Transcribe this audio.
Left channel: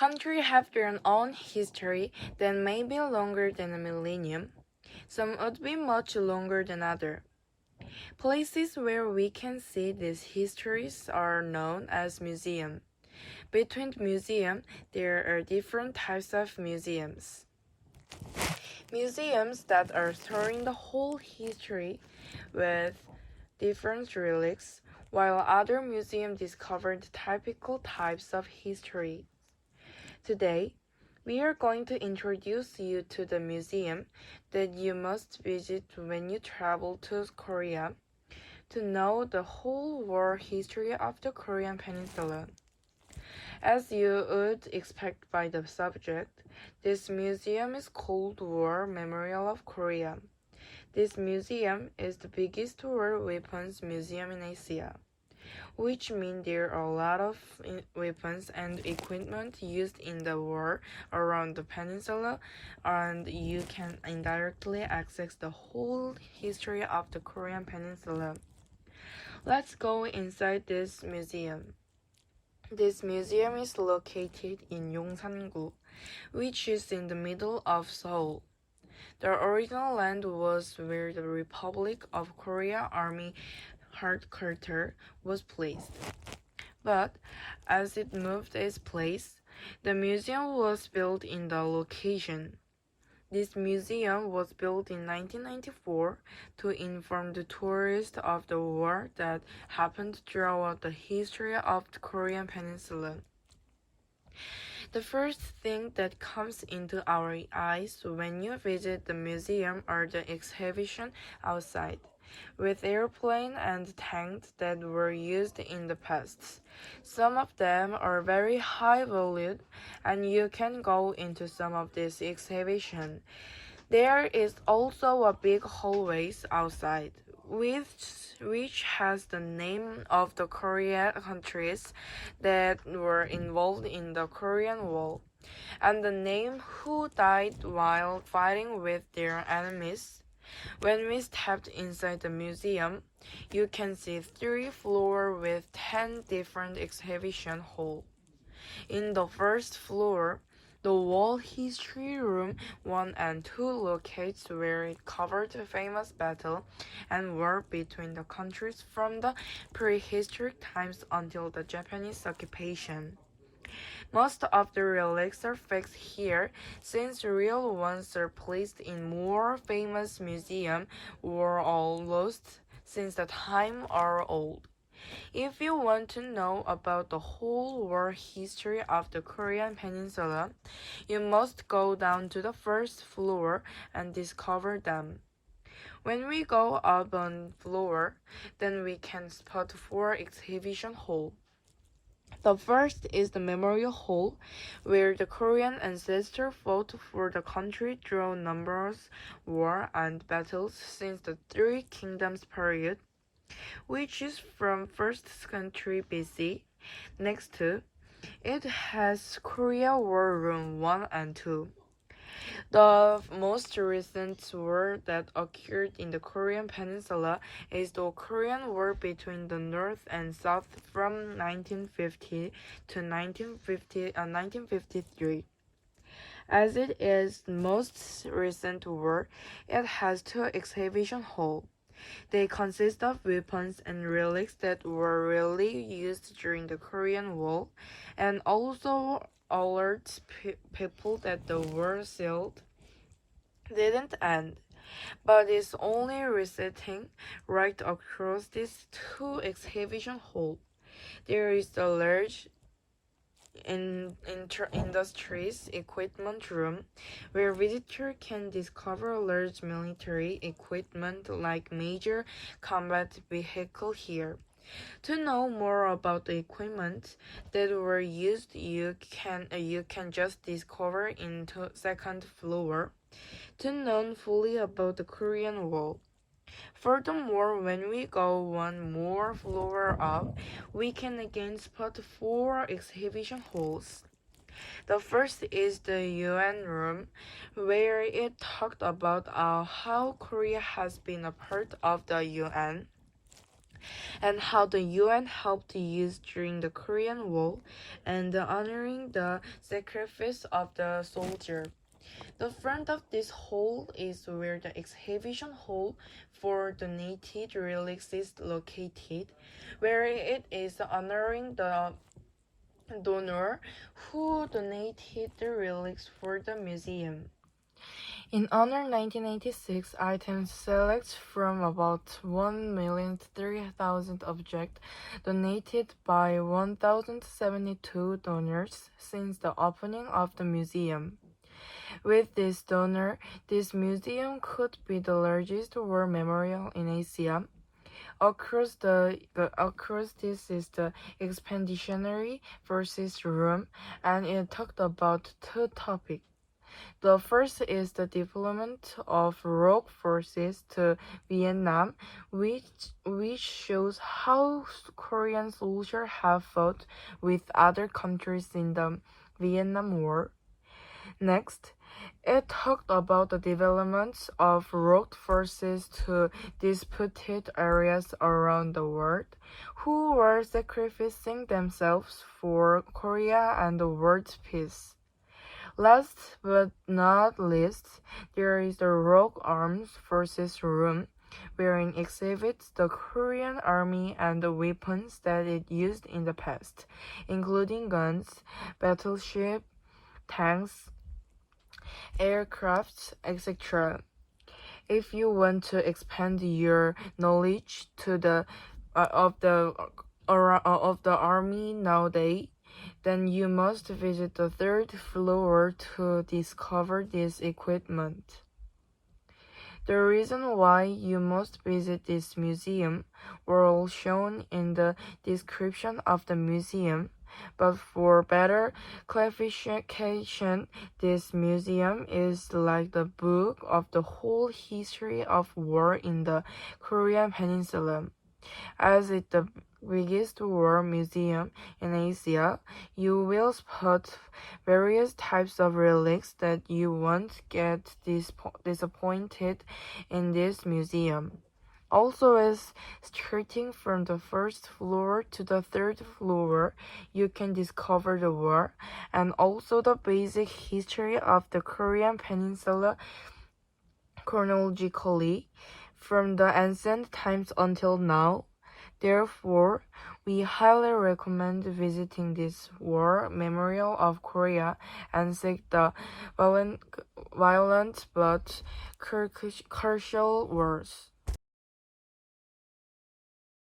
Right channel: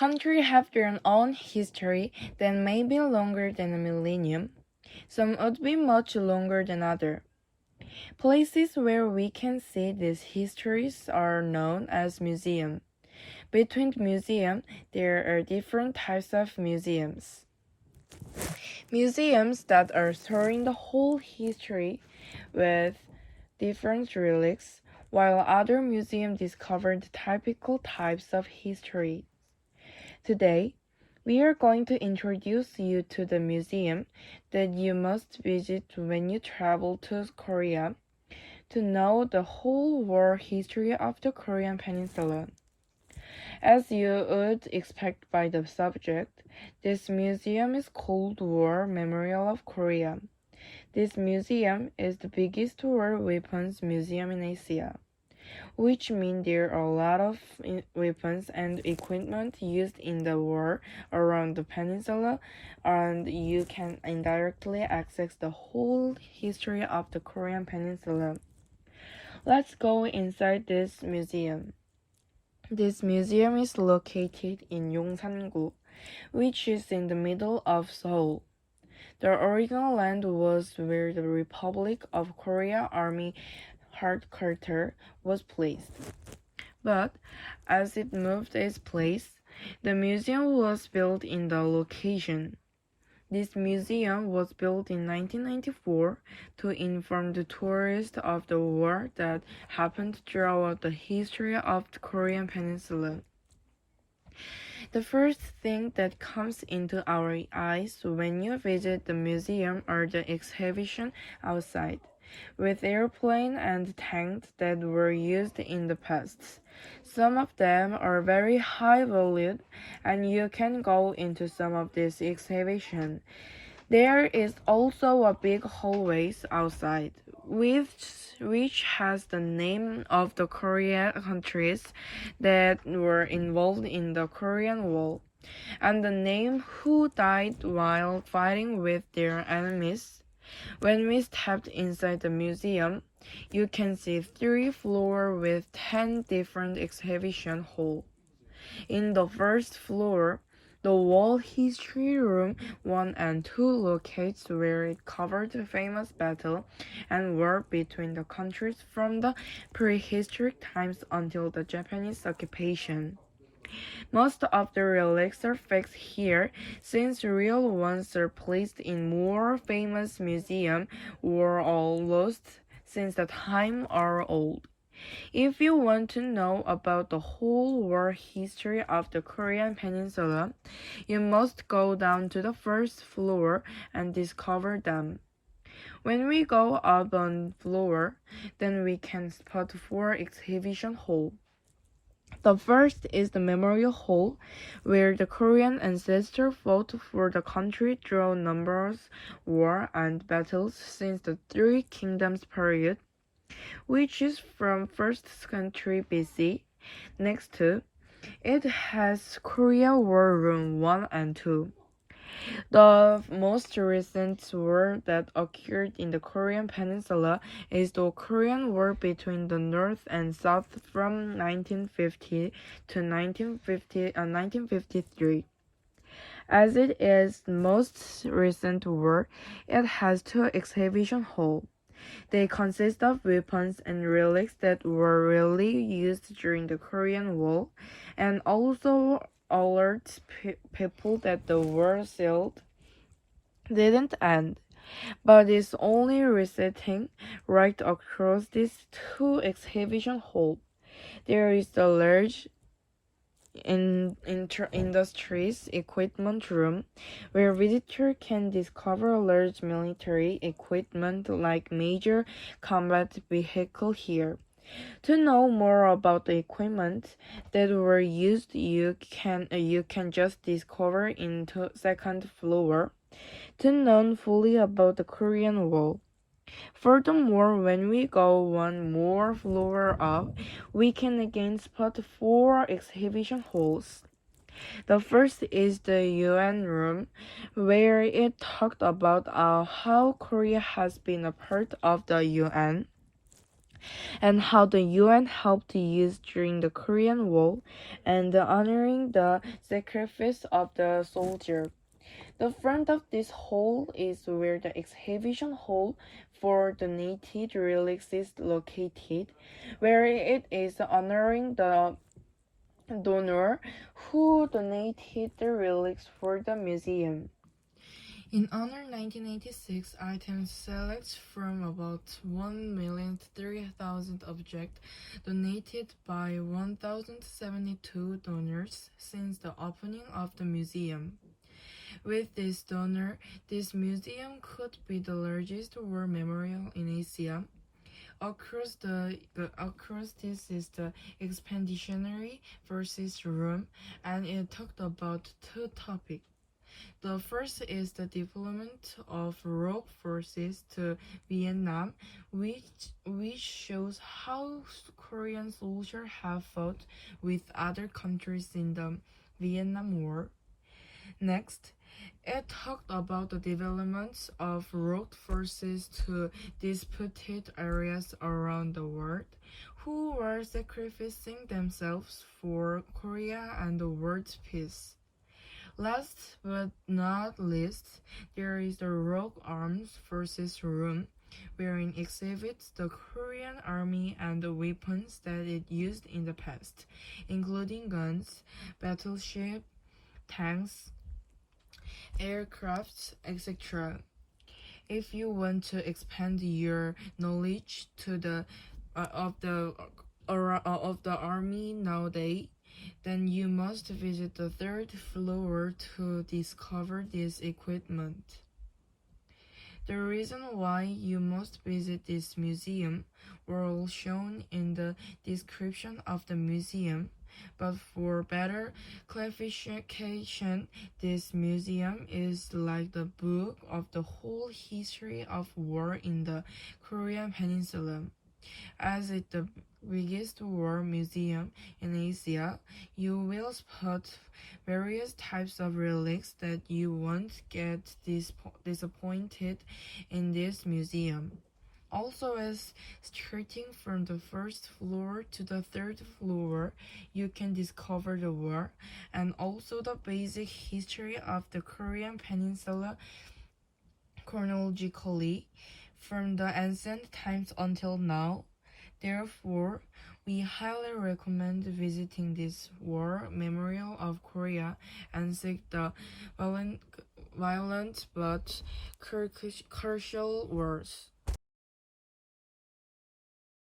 Countries have their own history that may be longer than a millennium. Some would be much longer than others. Places where we can see these histories are known as museums. Between museums, there are different types of museums. Museums that are storing the whole history with different relics, while other museums discover the typical types of history. Today, we are going to introduce you to the museum that you must visit when you travel to Korea to know the whole war history of the Korean peninsula. As you would expect by the subject, this museum is called War Memorial of Korea. This museum is the biggest war weapons museum in Asia, which means there are a lot of weapons and equipment used in the war around the peninsula, and you can indirectly access the whole history of the Korean peninsula. Let's go inside this museum. This museum is located in Yongsan-gu, which is in the middle of Seoul. The original land was where the Republic of Korea Army headquarters was placed. But as it moved its place, the museum was built in the location. This museum was built in 1994 to inform the tourists of the war that happened throughout the history of the Korean peninsula. The first thing that comes into our eyes when you visit the museum are the exhibition outside, with airplanes and tanks that were used in the past. Some of them are very high valued, and you can go into some of these exhibitions. There is also a big hallway outside, which has the name of the Korean countries that were involved in the Korean War, and the name who died while fighting with their enemies. When we stepped inside the museum, you can see 3 floors with 10 different exhibition halls. In the first floor, the Wall History Room 1 and 2 locates where it covered the famous battle and war between the countries from the prehistoric times until the Japanese occupation. Most of the relics are fixed here, since real ones are placed in more famous museums or all lost since the time are old. If you want to know about the whole war history of the Korean peninsula, you must go down to the first floor and discover them. When we go up on floor, then we can spot 4 exhibition halls. The first is the Memorial Hall, where the Korean ancestors fought for the country through numerous wars and battles since the Three Kingdoms period, which is from 1st century BC. Next to it has Korea War Room 1 and 2. The most recent war that occurred in the Korean peninsula is the Korean War between the North and South from 1950 to 1953. As it is the most recent war, it has 2 exhibition halls. They consist of weapons and relics that were really used during the Korean War, and also alert people that the war still didn't end, but is only resetting. Right across these 2 exhibition halls, there is the large industries equipment room, where visitors can discover large military equipment like major combat vehicles here. To know more about the equipment that were used, you can just discover into second floor to know fully about the Korean War. Furthermore, when we go one more floor up, we can again spot 4 exhibition halls. The first is the UN room, where it talked about how Korea has been a part of the UN. and how the UN helped use during the Korean War, and honoring the sacrifice of the soldier. The front of this hall is where the exhibition hall for donated relics is located, where it is honoring the donor who donated the relics for the museum. In honor 1986, items select from about 1,003,000 objects donated by 1,072 donors since the opening of the museum. With this donor, this museum could be the largest war memorial in Asia. Across this is the Expeditionary Forces Room, and it talked about two topics. The first is the deployment of rogue forces to Vietnam, which shows how Korean soldiers have fought with other countries in the Vietnam War. Next, it talked about the development of rogue forces to disputed areas around the world, who were sacrificing themselves for Korea and the world's peace. Last but not least, there is the Rogue Armed Forces Room, wherein exhibits the Korean Army and the weapons that it used in the past, including guns, battleships, tanks, aircrafts, etc. If you want to expand your knowledge to the of the army nowadays, then you must visit the third floor to discover this equipment. The reason why you must visit this museum were all shown in the description of the museum, but for better clarification, this museum is like the book of the whole history of war in the Korean peninsula. As it's the biggest war museum in Asia, you will spot various types of relics that you won't get disappointed in this museum. Also, as starting from the first floor to the third floor, you can discover the war and also the basic history of the Korean peninsula chronologically from the ancient times until now. Therefore, we highly recommend visiting this war memorial of Korea and seek the violent but crucial wars.